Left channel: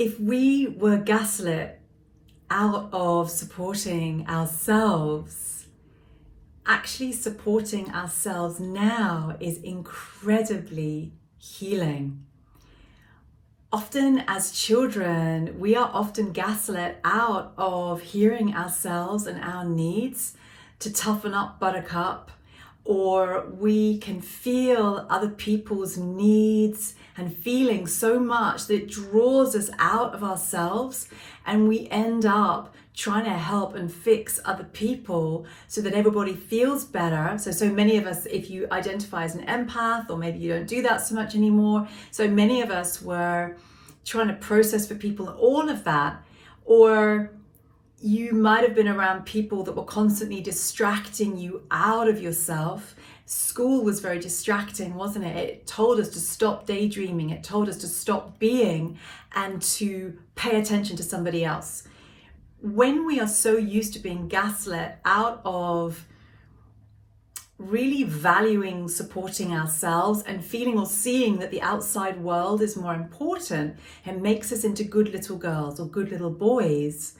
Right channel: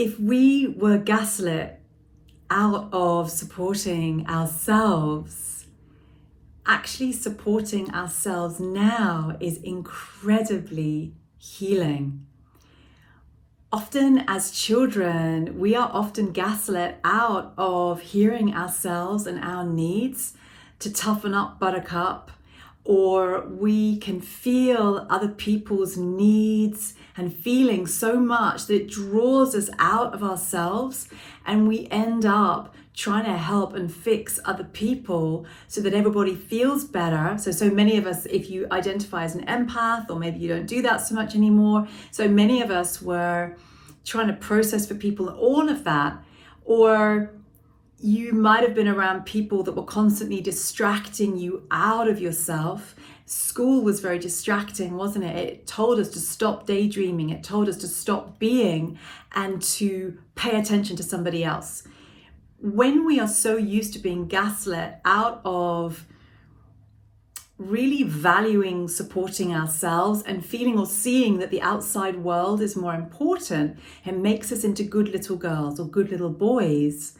if we were gaslit out of supporting ourselves, actually supporting ourselves now is incredibly healing. Often as children, we are often gaslit out of hearing ourselves and our needs to toughen up, buttercup, or we can feel other people's needs and feelings so much that it draws us out of ourselves, and we end up trying to help and fix other people so that everybody feels better. So many of us, if you identify as an empath, or maybe you don't do that so much anymore, so many of us were trying to process for people all of that. Or you might have been around people that were constantly distracting you out of yourself. School was very distracting, wasn't it? It told us to stop daydreaming. It told us to stop being and to pay attention to somebody else. When we are so used to being gaslit out of really valuing supporting ourselves and feeling or seeing that the outside world is more important, it makes us into good little girls or good little boys.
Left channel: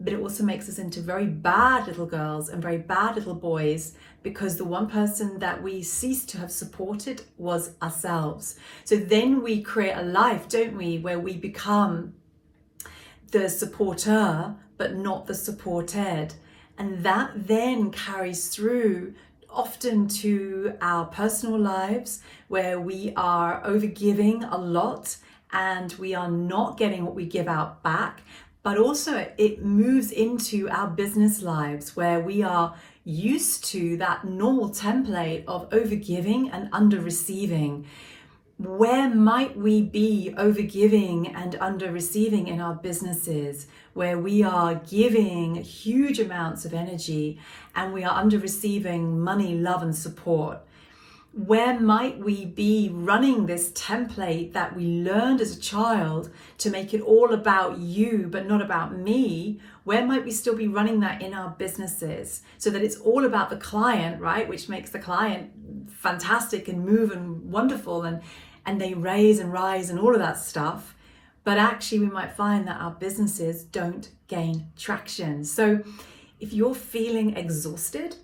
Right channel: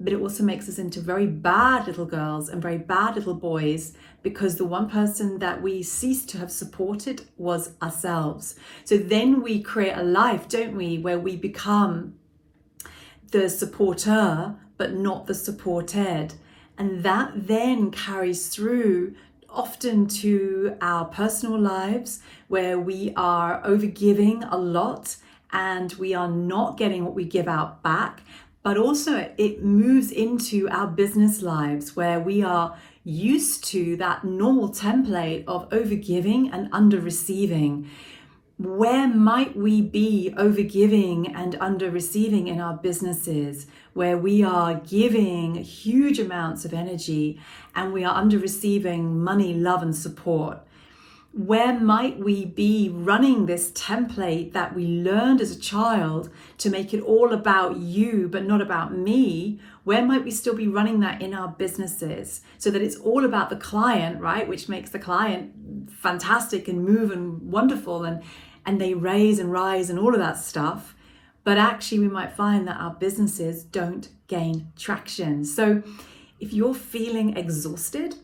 But it also makes us into very bad little girls and very bad little boys, because the one person that we ceased to have supported was ourselves. So then we create a life, don't we, where we become the supporter but not the supported. And that then carries through often to our personal lives, where we are overgiving a lot and we are not getting what we give out back. But also it moves into our business lives, where we are used to that normal template of overgiving and under receiving. Where might we be overgiving and under receiving in our businesses, where we are giving huge amounts of energy and we are under receiving money, love and support? Where might we be running this template that we learned as a child to make it all about you but not about me? Where might we still be running that in our businesses, so that it's all about the client, right? Which makes the client fantastic and move and wonderful, and they raise and rise and all of that stuff. But actually we might find that our businesses don't gain traction. So if you're feeling exhausted,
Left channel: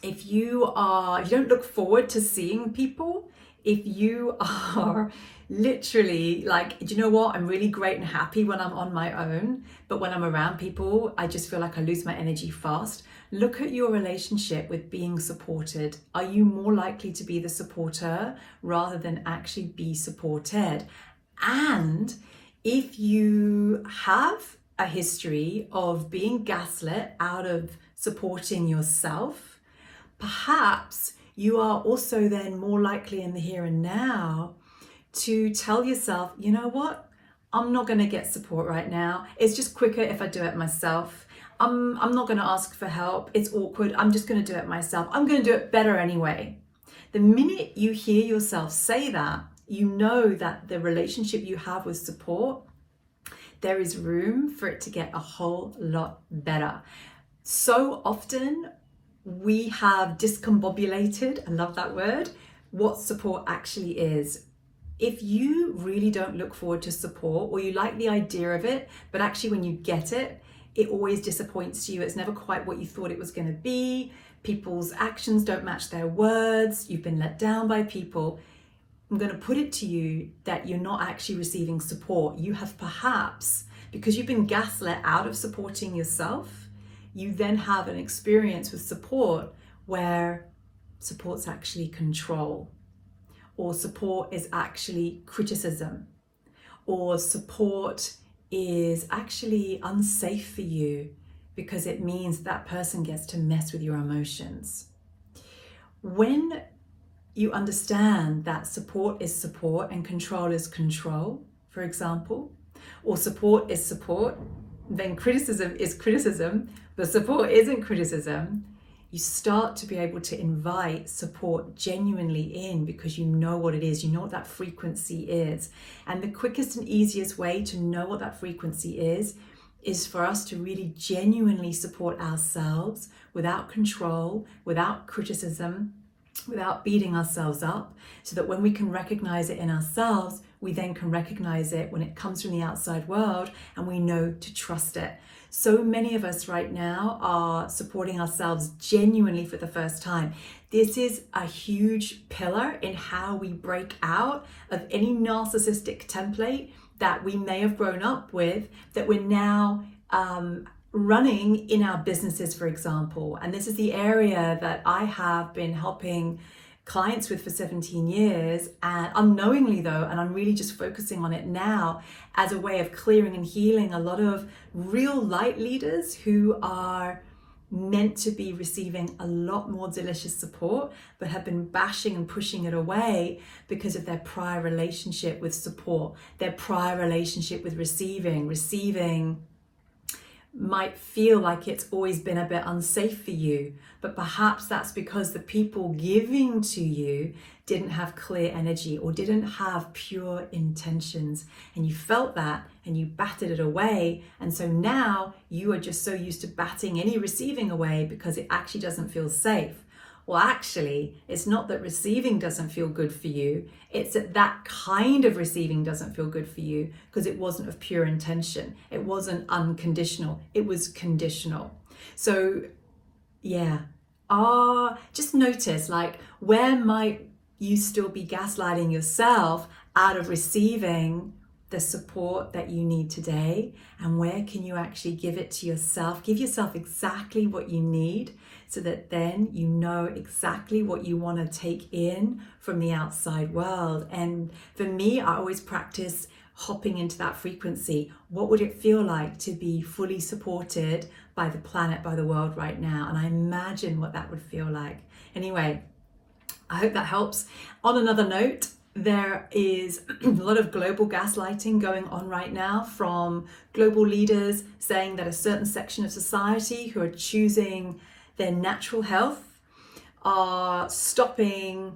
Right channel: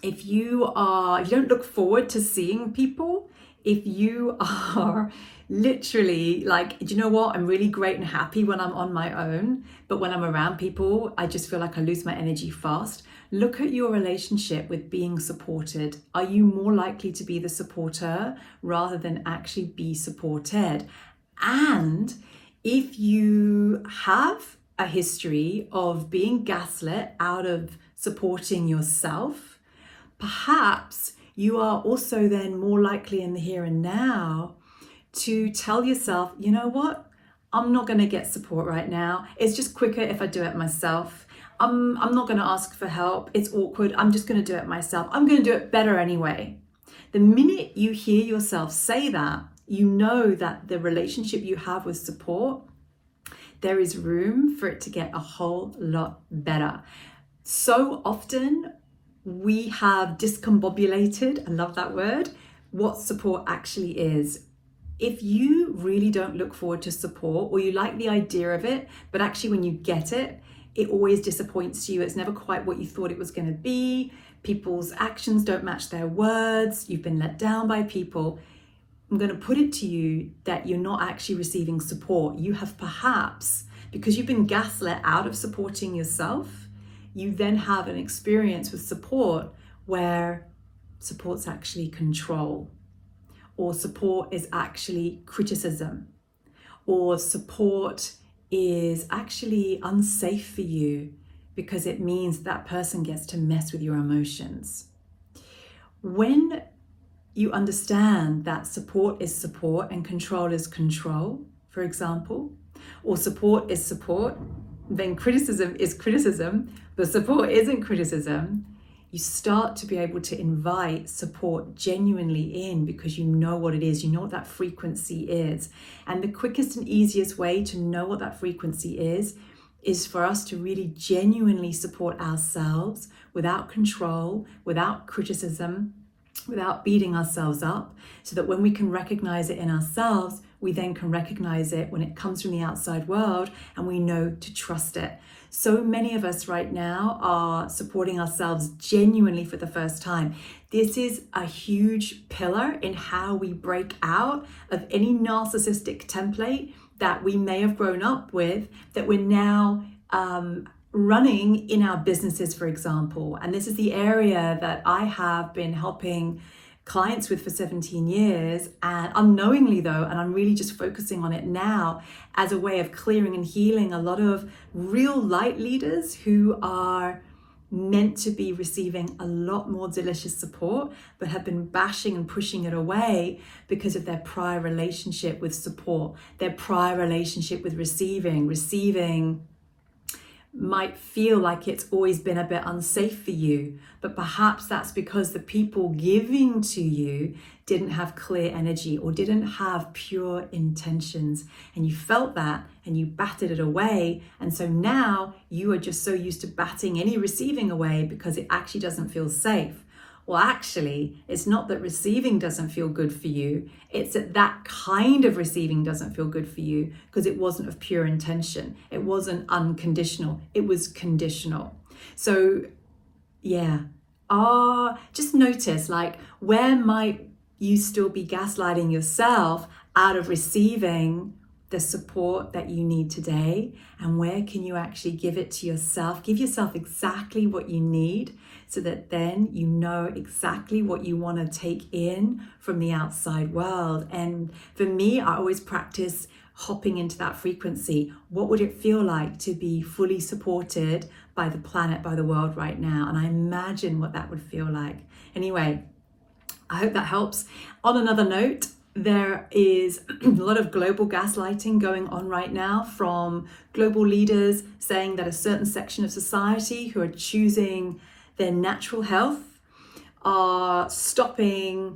if you don't look forward to seeing people, if you are literally like, do you know what? I'm really great and happy when I'm on my own, but when I'm around people, I just feel like I lose my energy fast. Look at your relationship with being supported. Are you more likely to be the supporter rather than actually be supported? And if you have a history of being gaslit out of supporting yourself, perhaps you are also then more likely in the here and now to tell yourself, you know what? I'm not going to get support right now. It's just quicker if I do it myself. I'm not going to ask for help. It's awkward. I'm just going to do it myself. I'm going to do it better anyway. The minute you hear yourself say that, you know that the relationship you have with support, there is room for it to get a whole lot better. So often we have discombobulated, I love that word, what support actually is. If you really don't look forward to support, or you like the idea of it, but actually when you get it, it always disappoints you. It's never quite what you thought it was going to be. People's actions don't match their words. You've been let down by people. I'm going to put it to you that you're not actually receiving support. You have perhaps, because you've been gaslit out of supporting yourself, you then have an experience with support where support's actually control, or support is actually criticism, or support is actually unsafe for you because it means that person gets to mess with your emotions. When you understand that support is support and control is control, for example, or support is support, then criticism is criticism, but support isn't criticism, you start to be able to invite support genuinely in, because you know what it is, you know what that frequency is. And the quickest and easiest way to know what that frequency is for us to really genuinely support ourselves without control, without criticism, without beating ourselves up, so that when we can recognize it in ourselves, we then can recognize it when it comes from the outside world, and we know to trust it. So many of us right now are supporting ourselves genuinely for the first time. This is a huge pillar in how we break out of any narcissistic template that we may have grown up with, that we're now running in our businesses, for example. And this is the area that I have been helping clients with for 17 years, and unknowingly though, and I'm really just focusing on it now as a way of clearing and healing a lot of real light leaders who are meant to be receiving a lot more delicious support, but have been bashing and pushing it away because of their prior relationship with support, their prior relationship with receiving might feel like it's always been a bit unsafe for you, but perhaps that's because the people giving to you didn't have clear energy or didn't have pure intentions, and you felt that and you batted it away. And so now you are just so used to batting any receiving away because it actually doesn't feel safe. Well, actually, it's not that receiving doesn't feel good for you. It's that that kind of receiving doesn't feel good for you because it wasn't of pure intention. It wasn't unconditional. It was conditional. So, yeah. Just notice, like, where might you still be gaslighting yourself out of receiving the support that you need today, and where can you actually give it to yourself? Give yourself exactly what you need, so that then you know exactly what you want to take in from the outside world. And for me, I always practice hopping into that frequency. What would it feel like to be fully supported by the planet, by the world right now? And I imagine what that would feel like. Anyway, I hope that helps. On another note, there is a lot of global gaslighting going on right now from global leaders saying that a certain section of society who are choosing their natural health are stopping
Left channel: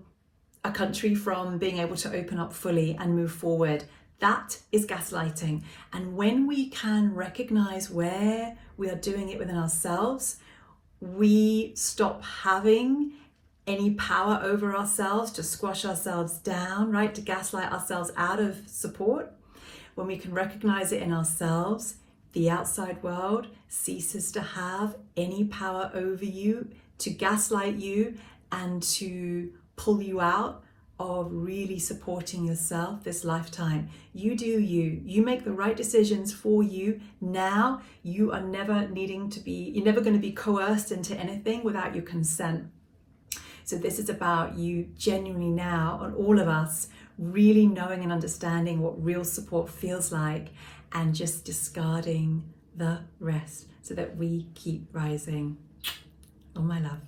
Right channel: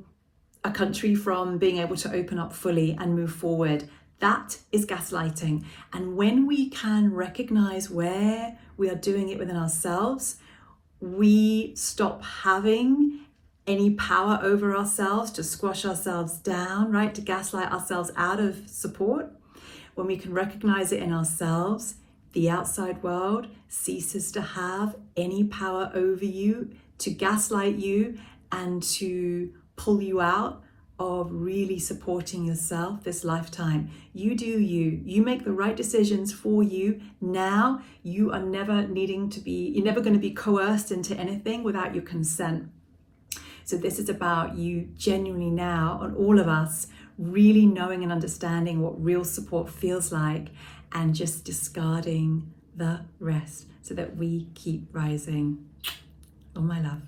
a country from being able to open up fully and move forward. That is gaslighting. And when we can recognize where we are doing it within ourselves, we stop having any power over ourselves to squash ourselves down, right? To gaslight ourselves out of support. When we can recognize it in ourselves, the outside world ceases to have any power over you, to gaslight you and to pull you out of really supporting yourself this lifetime. You do you. You make the right decisions for you now. You are never you're never going to be coerced into anything without your consent. So this is about you genuinely now, on all of us, really knowing and understanding what real support feels like, and just discarding the rest so that we keep rising. All my love.